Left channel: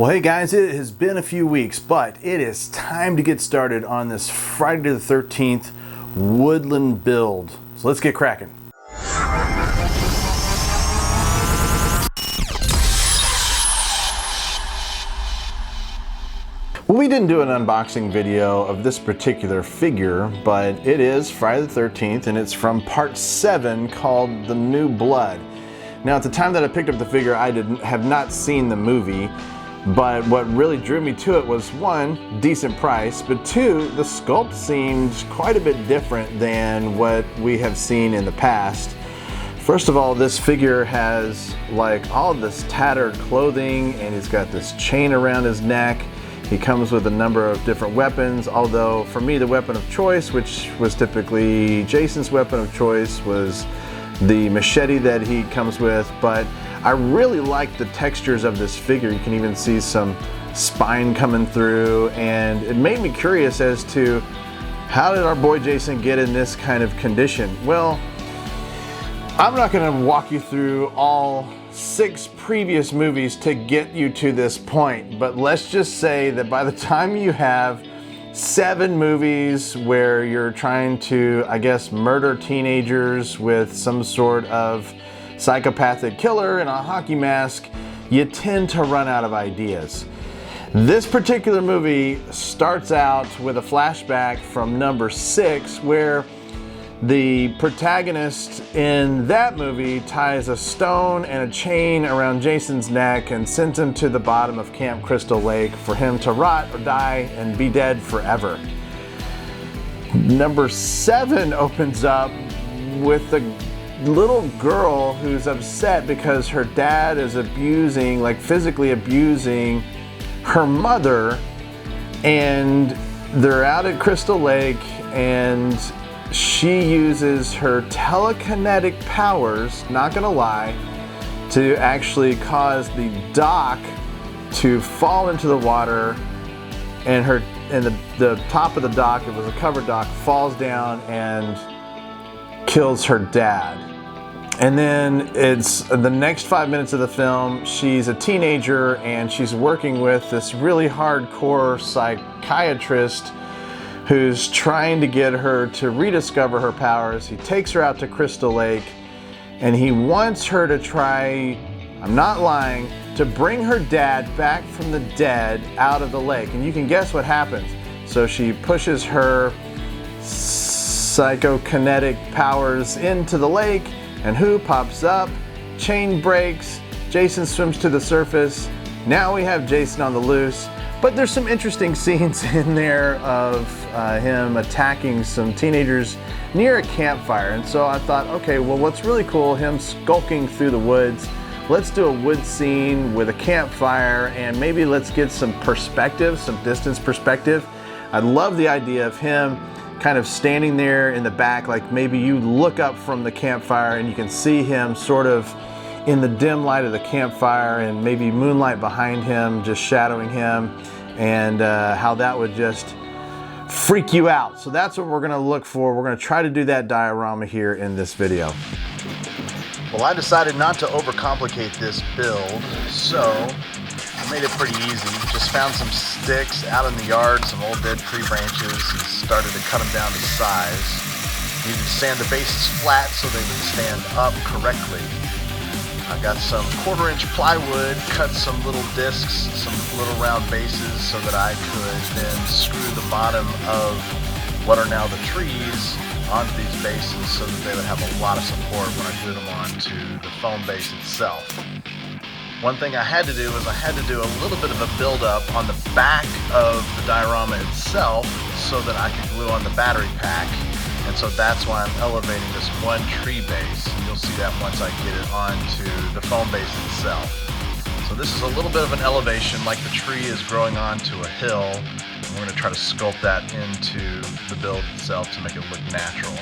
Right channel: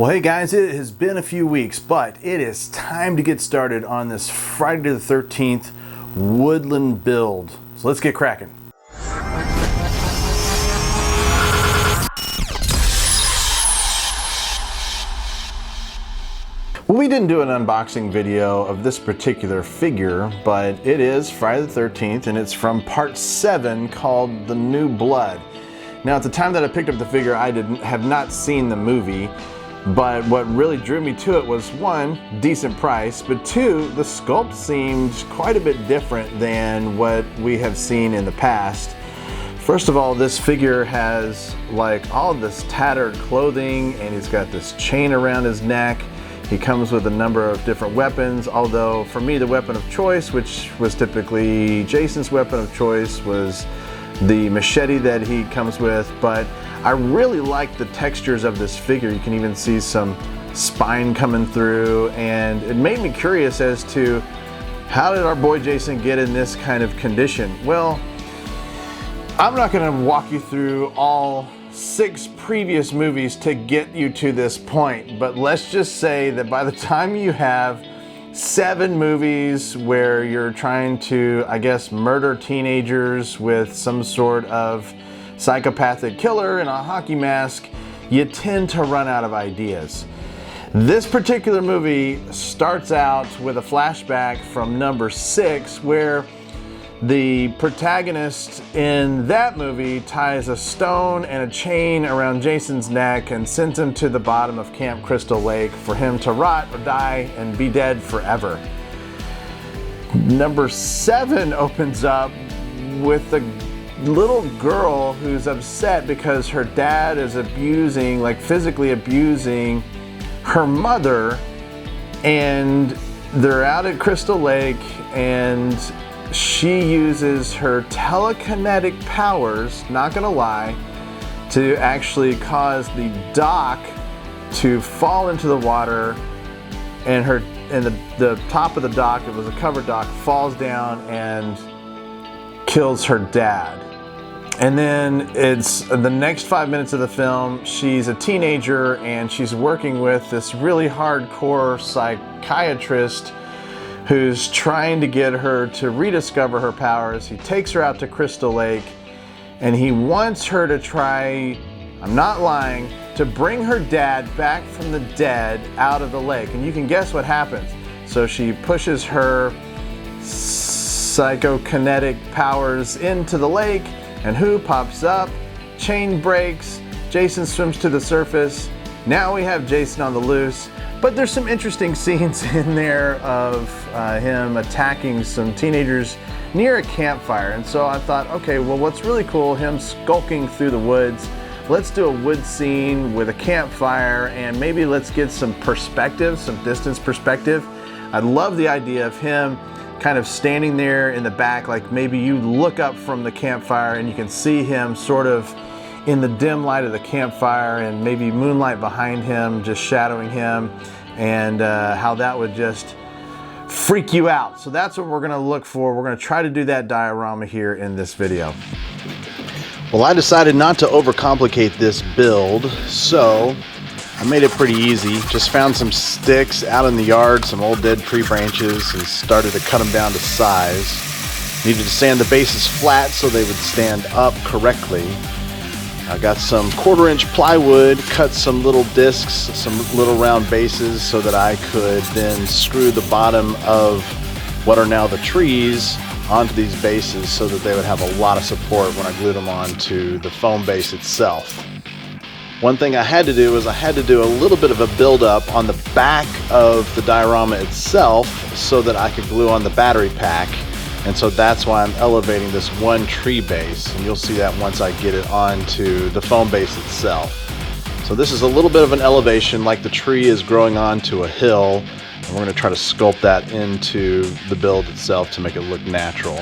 Well, hey guys, it has been a few weeks, but it is time to get started on this Friday the 13th Woodland build. So let's get cracking. Well, we didn't do an unboxing video of this particular figure, but it is Friday the 13th and it's from part 7 called The New Blood. Now, at the time that I picked up the figure, I have not seen the movie. But what really drew me to it was, one, decent price, but two, the sculpt seemed quite a bit different than what we have seen in the past. First of all, this figure has like all of this tattered clothing and he's got this chain around his neck. He comes with a number of different weapons, although for me the weapon of choice, which was typically Jason's weapon of choice, was the machete that he comes with. But I really like the textures of this figure. You can even see some spine coming through, and it made me curious as to how did our boy Jason get in this kind of condition? Well, I'm not going to walk you through all 6 previous movies to get you to this point, but let's just say that by the time you have 7 movies where you're trying to, I guess, murder teenagers with some sort of psychopathic killer in a hockey mask, you tend to run out of ideas. This particular movie starts out with a flashback from number 6 where the protagonist in that movie ties a stone and a chain around Jason's neck and sends him to the bottom of Camp Crystal Lake for him to rot or die and be dead forever. Number 7 opens up with the little girl who's upset because her dad is abusing, like physically abusing her mother, and they're out at Crystal Lake and she uses her telekinetic powers, not gonna lie, to actually cause the dock to fall into the water, and the top of the dock, it was a covered dock, falls down and kills her dad. And then it's the next 5 minutes of the film, she's a teenager and she's working with this really hardcore psychiatrist who's trying to get her to rediscover her powers. He takes her out to Crystal Lake and he wants her to try, I'm not lying, to bring her dad back from the dead out of the lake. And you can guess what happens. So she pushes her psychokinetic powers into the lake, and who pops up? Chain breaks, Jason swims to the surface. Now we have Jason on the loose. But there's some interesting scenes in there of him attacking some teenagers near a campfire. And so I thought, okay, well, what's really cool, him skulking through the woods. Let's do a wood scene with a campfire and maybe let's get some perspective, some distance perspective. I love the idea of him kind of standing there in the back, like maybe you look up from the campfire and you can see him sort of in the dim light of the campfire and maybe moonlight behind him just shadowing him, and how that would just freak you out. So that's what we're gonna look for. We're gonna try to do that diorama here in this video. Well, I decided not to overcomplicate this build, so I made it pretty easy. Just found some sticks out in the yard, some old dead tree branches, and started to cut them down to size. Needed to sand the bases flat so they would stand up correctly. I got some 1/4-inch plywood, cut some little discs, some little round bases so that I could then screw the bottom of what are now the trees onto these bases so that they would have a lot of support when I glue them onto the foam base itself. One thing I had to do is I had to do a little bit of a build-up on the back of the diorama itself so that I could glue on the battery pack. And so that's why I'm elevating this one tree base, and you'll see that once I get it onto the foam base itself. So this is a little bit of an elevation, like the tree is growing onto a hill, and we're going to try to sculpt that into the build itself to make it look natural.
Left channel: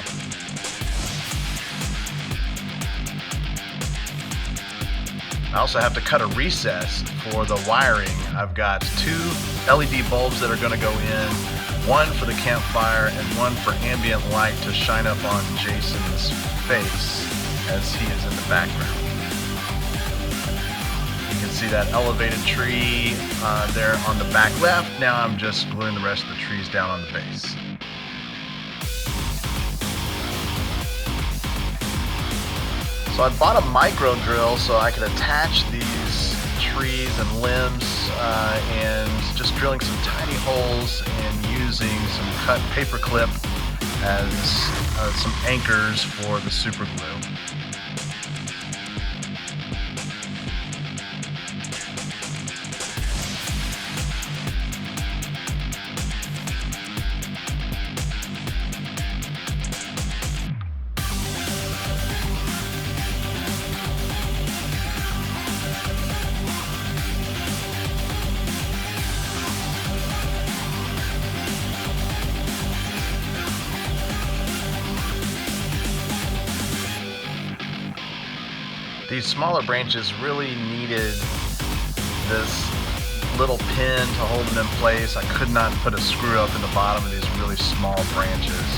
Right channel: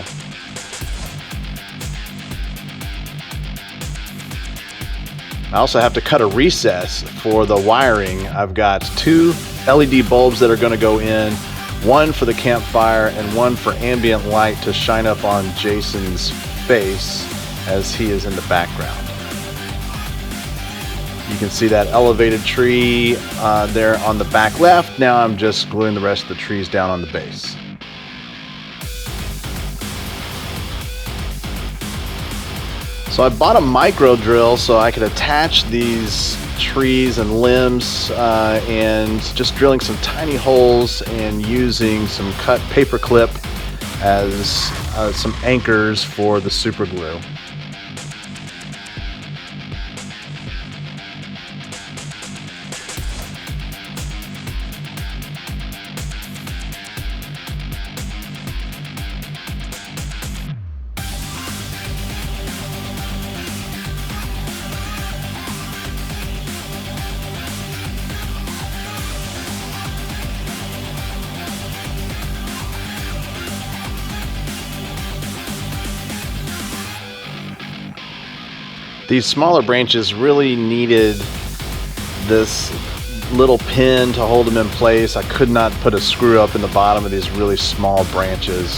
I also have to cut a recess for the wiring. I've got 2 LED bulbs that are going to go in, one for the campfire and one for ambient light to shine up on Jason's face as he is in the background. You can see that elevated tree there on the back left. Now I'm just gluing the rest of the trees down on the base. So I bought a micro drill so I could attach these trees and limbs and just drilling some tiny holes and using some cut paper clip as some anchors for the super glue. These smaller branches really needed this little pin to hold them in place. I could not put a screw up in the bottom of these really small branches.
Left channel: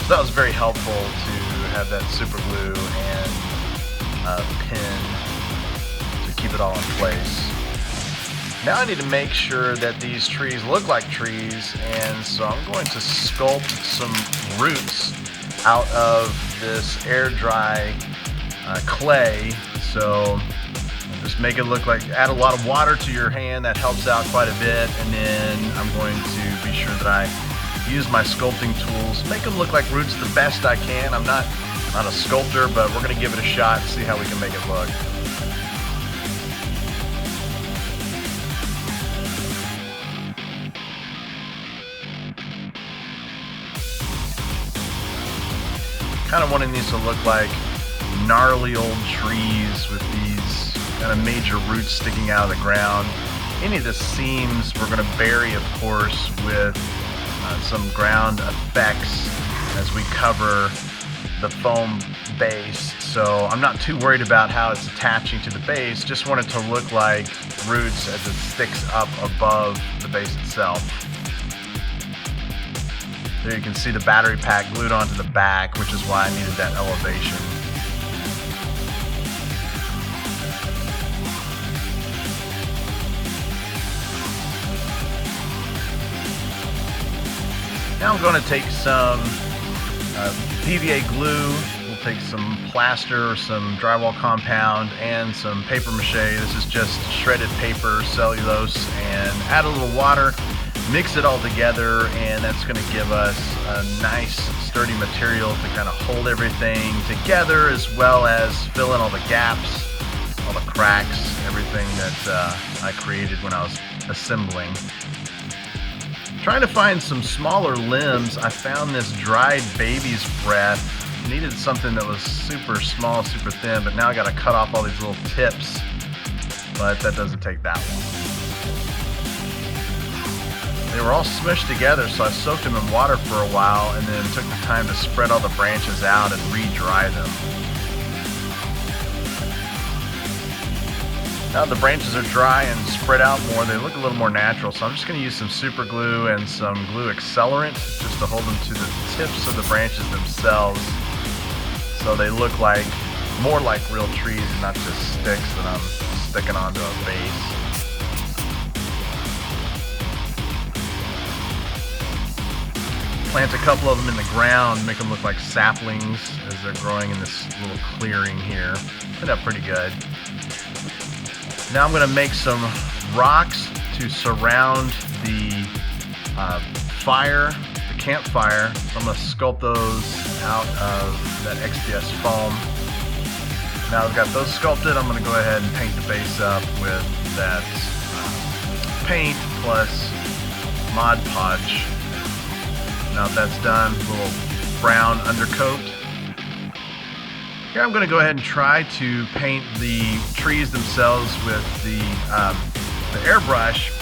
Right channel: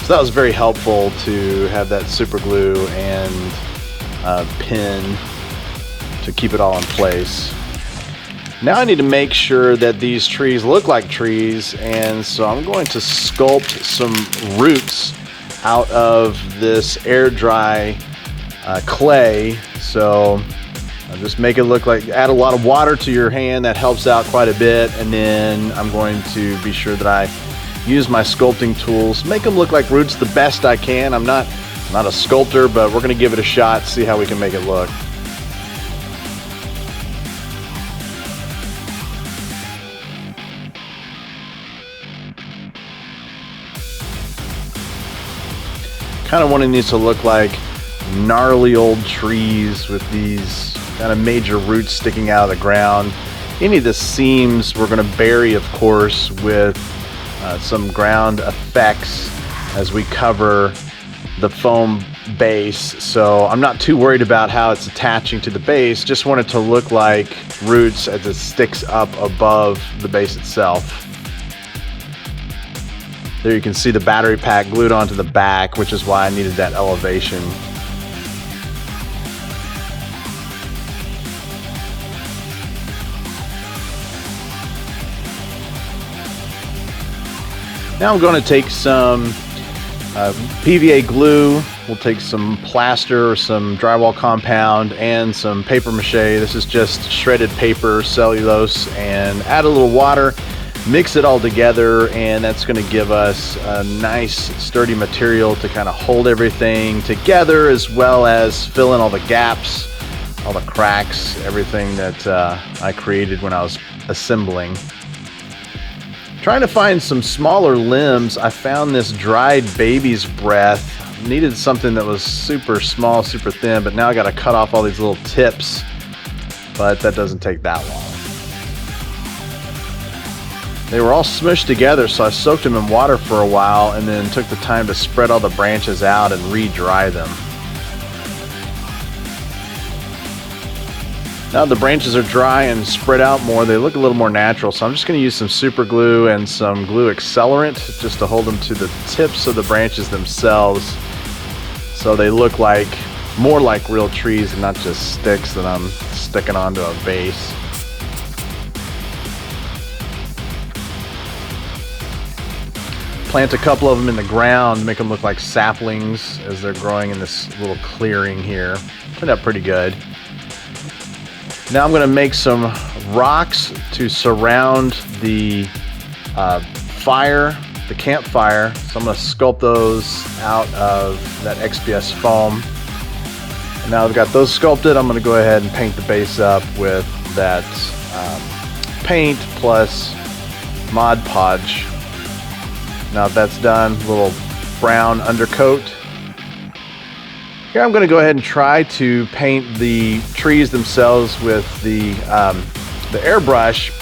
So that was very helpful to have that super glue and pin to keep it all in place. Now I need to make sure that these trees look like trees, and so I'm going to sculpt some roots out of this air dry clay. So I'll just make it look like, add a lot of water to your hand, that helps out quite a bit, and then I'm going to be sure that I use my sculpting tools, make them look like roots the best I can. I'm not a sculptor, but we're going to give it a shot, see how we can make it look. Kind of wanting these to look like gnarly old trees with these kind of major roots sticking out of the ground. Any of the seams we're going to bury, of course, with some ground effects as we cover the foam base. So I'm not too worried about how it's attaching to the base, just want it to look like roots as it sticks up above the base itself. There you can see the battery pack glued onto the back, which is why I needed that elevation. Now I'm going to take some PVA glue, we'll take some plaster or some drywall compound and some paper mache. This is just shredded paper, cellulose, and add a little water, mix it all together, and that's going to give us a nice sturdy material to kind of hold everything together, as well as fill in all the gaps, all the cracks, everything that I created when I was assembling. Trying to find some smaller limbs, I found this dried baby's breath. Needed something that was super small, super thin, but now I got to cut off all these little tips, but that doesn't take that long. They were all smushed together, so I soaked them in water for a while and then took the time to spread all the branches out and re-dry them. Now the branches are dry and spread out more, they look a little more natural, so I'm just going to use some super glue and some glue accelerant just to hold them to the tips of the branches themselves, so they look like more like real trees and not just sticks that I'm sticking onto a base. Plant a couple of them in the ground, make them look like saplings as they're growing in this little clearing here. Turned out pretty good. Now I'm going to make some rocks to surround the fire, the campfire. So I'm going to sculpt those out of that XPS foam. Now I've got those sculpted, I'm going to go ahead and paint the base up with that paint plus Mod Podge. Now that's done, a little brown undercoat. Here I'm going to go ahead and try to paint the trees themselves with the airbrush.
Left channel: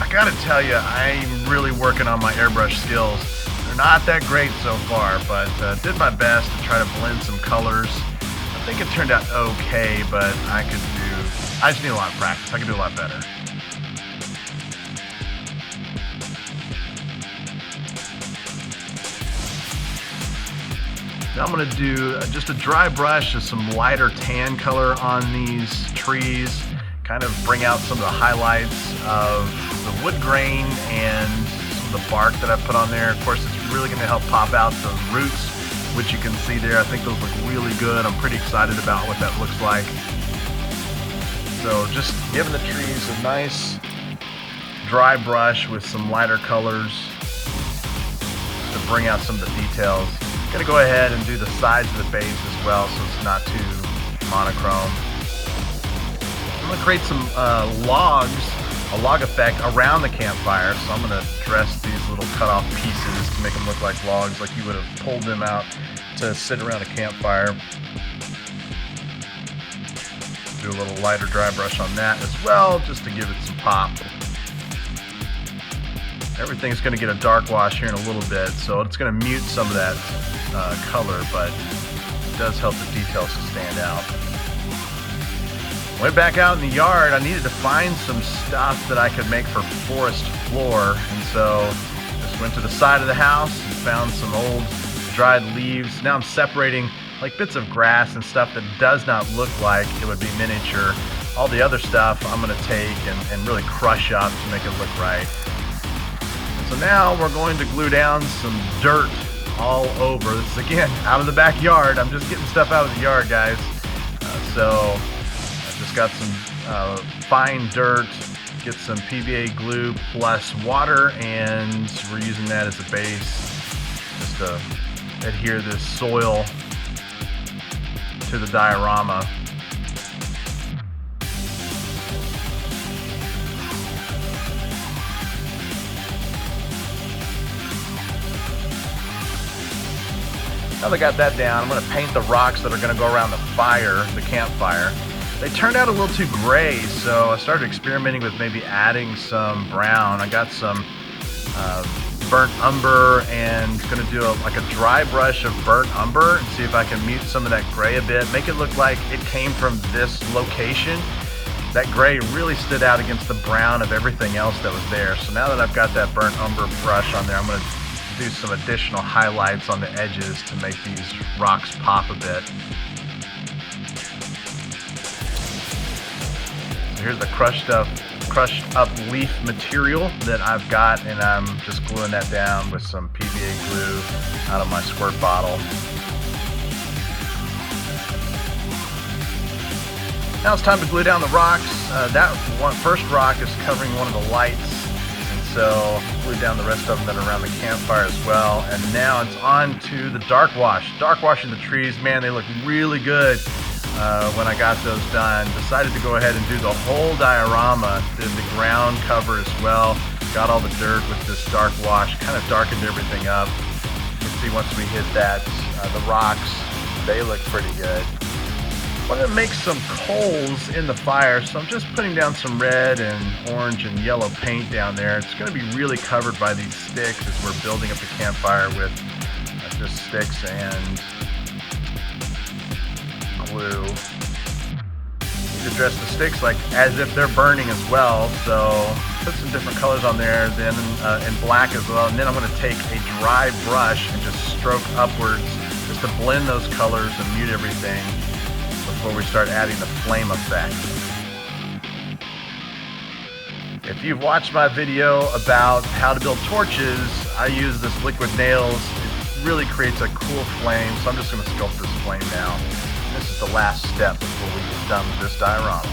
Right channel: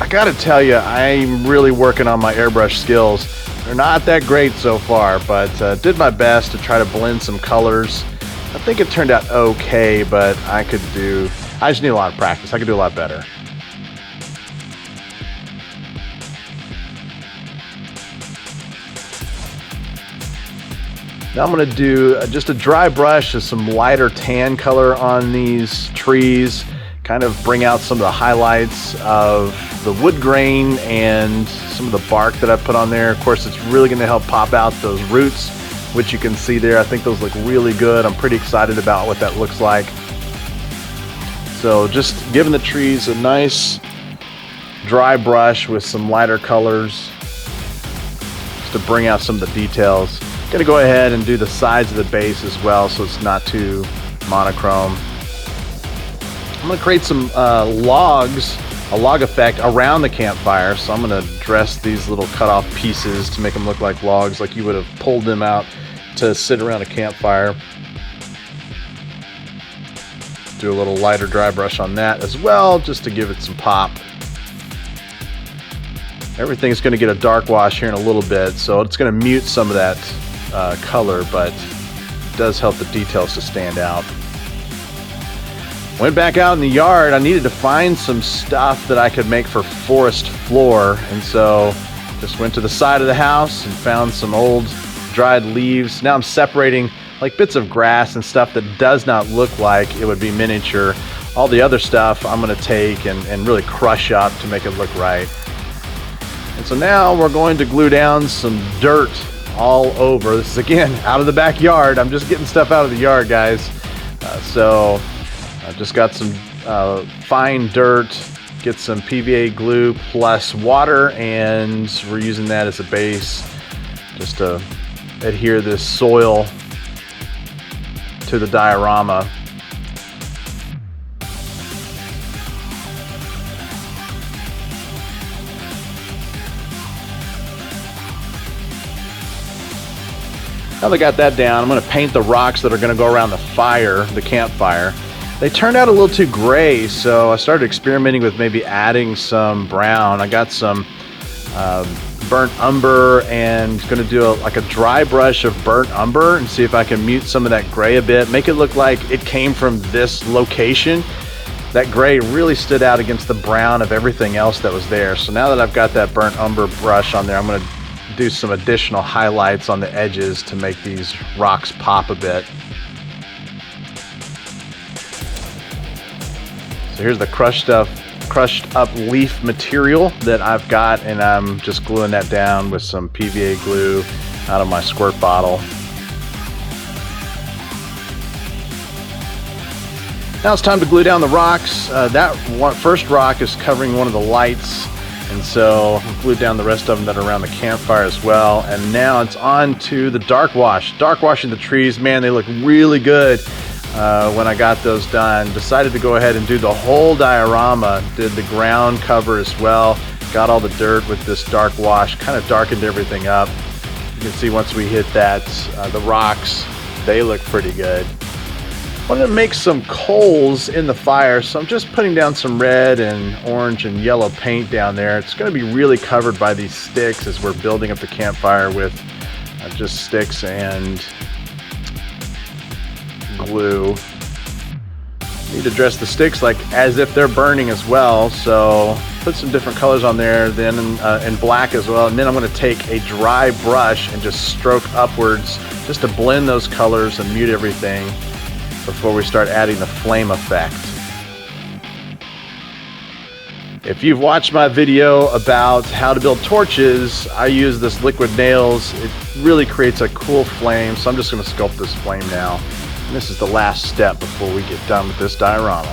I got to tell you, I'm really working on my airbrush skills. They're not that great so far, but did my best to try to blend some colors. I think it turned out okay, but I just need a lot of practice. I could do a lot better. Now I'm going to do just a dry brush with some lighter tan color on these trees, kind of bring out some of the highlights of the wood grain and some of the bark that I put on there. Of course, it's really going to help pop out those roots, which you can see there. I think those look really good. I'm pretty excited about what that looks like. So just giving the trees a nice dry brush with some lighter colors just to bring out some of the details. Gonna go ahead and do the sides of the base as well so it's not too monochrome. I'm gonna create some logs, a log effect around the campfire. So I'm gonna dress these little cut off pieces to make them look like logs, like you would have pulled them out to sit around a campfire. Do a little lighter dry brush on that as well, just to give it some pop. Everything's going to get a dark wash here in a little bit, so it's going to mute some of that color, but it does help the details to stand out. Went back out in the yard. I needed to find some stuff that I could make for forest floor, and so just went to the side of the house and found some old dried leaves. Now I'm separating like bits of grass and stuff that does not look like it would be miniature. All the other stuff I'm going to take and really crush up to make it look right. And so now we're going to glue down some dirt all over. This is again out of the backyard. I'm just getting stuff out of the yard, guys. So I just got some fine dirt, get some PVA glue plus water, and we're using that as a base just to adhere this soil to the diorama. Now that I got that down, I'm going to paint the rocks that are going to go around the fire, the campfire. They turned out a little too gray, so I started experimenting with maybe adding some brown. I got some burnt umber and going to do like a dry brush of burnt umber and see if I can mute some of that gray a bit, make it look like it came from this location. That gray really stood out against the brown of everything else that was there. So now that I've got that burnt umber brush on there, I'm going to do some additional highlights on the edges to make these rocks pop a bit. So here's the crushed up leaf material that I've got, and I'm just gluing that down with some PVA glue out of my squirt bottle. Now it's time to glue down the rocks. That first rock is covering one of the lights, and so I've glued down the rest of them that are around the campfire as well. And now it's on to the dark wash. Dark washing the trees, man, they look really good. When I got those done, decided to go ahead and do the whole diorama, did the ground cover as well, got all the dirt with this dark wash, kind of darkened everything up. You can see once we hit that, the rocks, they look pretty good. I want to make some coals in the fire, so I'm just putting down some red and orange and yellow paint down there. It's going to be really covered by these sticks as we're building up the campfire with just sticks and glue. Need to dress the sticks like as if they're burning as well, so put some different colors on there, then in black as well, and then I'm going to take a dry brush and just stroke upwards just to blend those colors and mute everything before we start adding the flame effect. If you've watched my video about how to build torches, I use this liquid nails. It really creates a cool flame, so I'm just going to sculpt this flame now. And this is the last step before we get done with this diorama.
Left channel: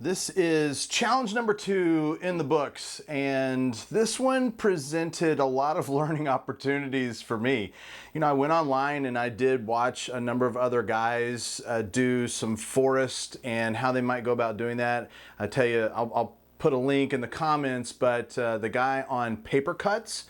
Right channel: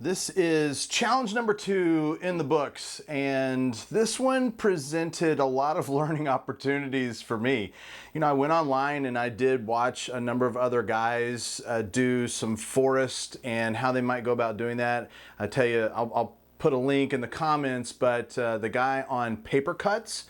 This is challenge number 2 in the books, and this one presented a lot of learning opportunities for me. You know, I went online and I did watch a number of other guys do some forest and how they might go about doing that. I tell you, I'll put a link in the comments, but the guy on Paper Cuts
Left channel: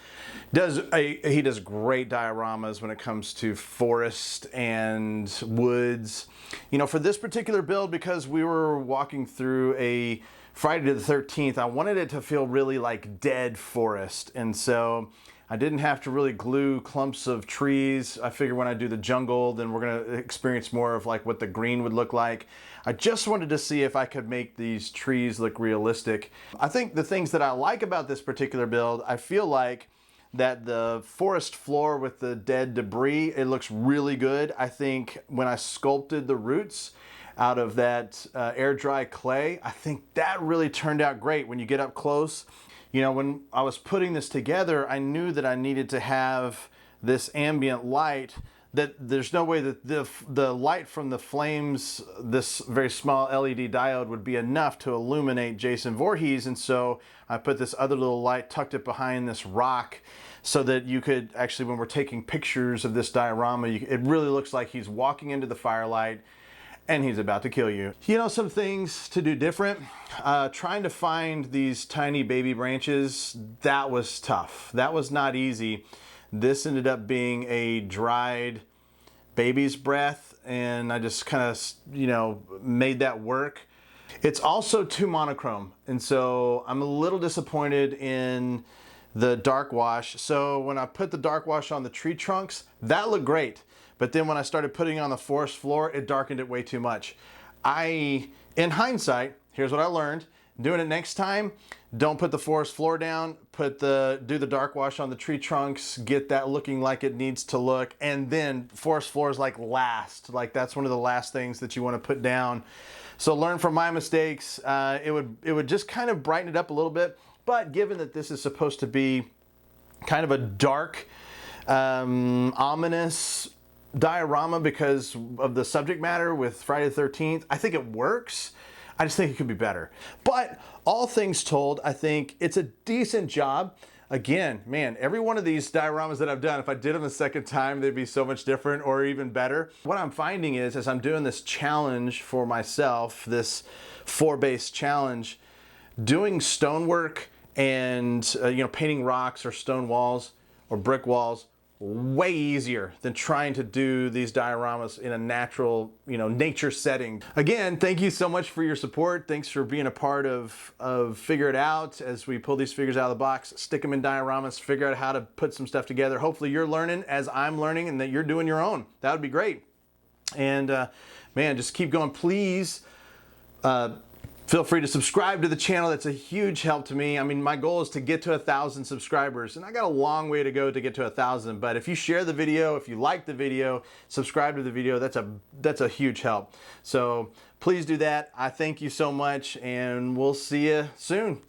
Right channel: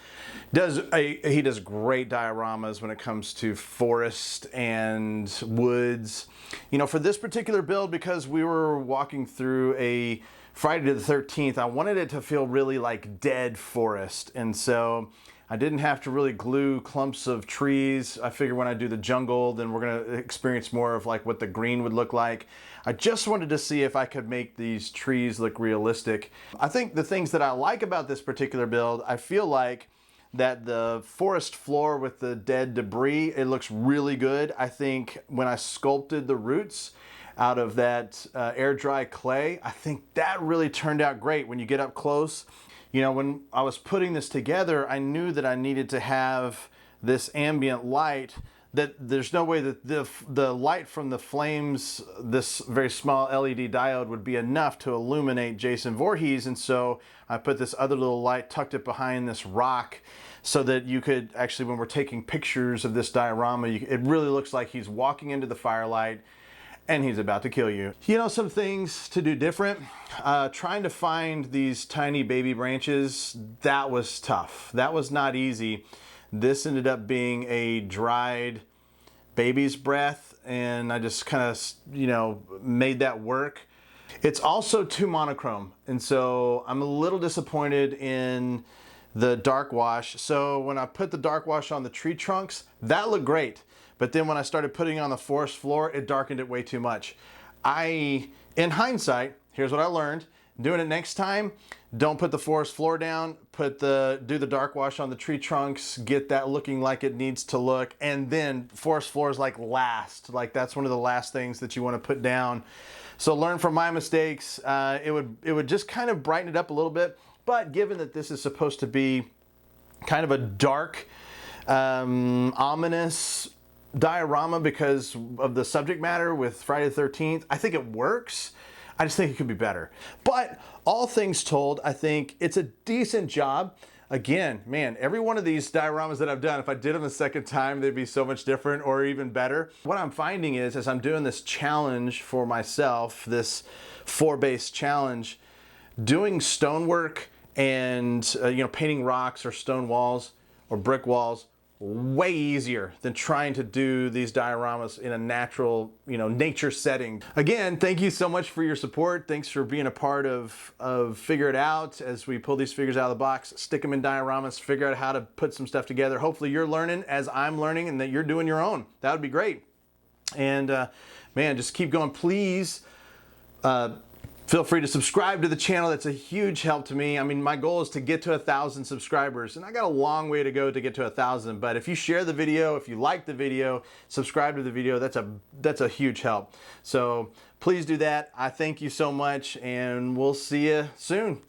he does great dioramas when it comes to forest and woods. You know, for this particular build, because we were walking through a Friday the 13th, I wanted it to feel really like dead forest, and so I didn't have to really glue clumps of trees. I figure when I do the jungle, then we're gonna experience more of like what the green would look like. I just wanted to see if I could make these trees look realistic. I think the things that I like about this particular build, I feel like that the forest floor with the dead debris, it looks really good. I think when I sculpted the roots out of that air dry clay, I think that really turned out great when you get up close. You know, when I was putting this together, I knew that I needed to have this ambient light, that there's no way that the light from the flames, this very small LED diode, would be enough to illuminate Jason Vorhees. And so I put this other little light, tucked it behind this rock, so that you could actually, when we're taking pictures of this diorama, it really looks like he's walking into the firelight and he's about to kill you. You know, some things to do different. Trying to find these tiny baby branches, that was tough. That was not easy. This ended up being a dried baby's breath, and I just kind of, you know, made that work. It's also too monochrome, and so I'm a little disappointed in the dark wash. So when I put the dark wash on the tree trunks, that looked great. But then when I started putting it on the forest floor, it darkened it way too much. In hindsight, here's what I learned. Doing it next time, don't put the forest floor down, do the dark wash on the tree trunks, get that looking like it needs to look, and then forest floor is like last. Like that's one of the last things that you want to put down. So learn from my mistakes. It would just kind of brighten it up a little bit. But given that this is supposed to be kind of a dark, ominous diorama because of the subject matter with Friday the 13th, I think it works. I just think it could be better. But all things told, I think it's a decent job. Again, man, every one of these dioramas that I've done, if I did them a second time, they'd be so much different or even better. What I'm finding is, as I'm doing this challenge for myself, this 4-base challenge, doing stonework and you know, painting rocks or stone walls or brick walls, way easier than trying to do these dioramas in a natural, you know, nature setting. Again, thank you so much for your support. Thanks for being a part of Figure It Out as we pull these figures out of the box, stick them in dioramas, figure out how to put some stuff together. Hopefully you're learning as I'm learning and that you're doing your own. That would be great. And man, just keep going. Please, feel free to subscribe to the channel. That's a huge help to me. I mean, my goal is to get to 1,000 subscribers, and I got a long way to go to get to 1,000. But if you share the video, if you like the video, subscribe to the video, that's a huge help. So please do that. I thank you so much, and we'll see you soon.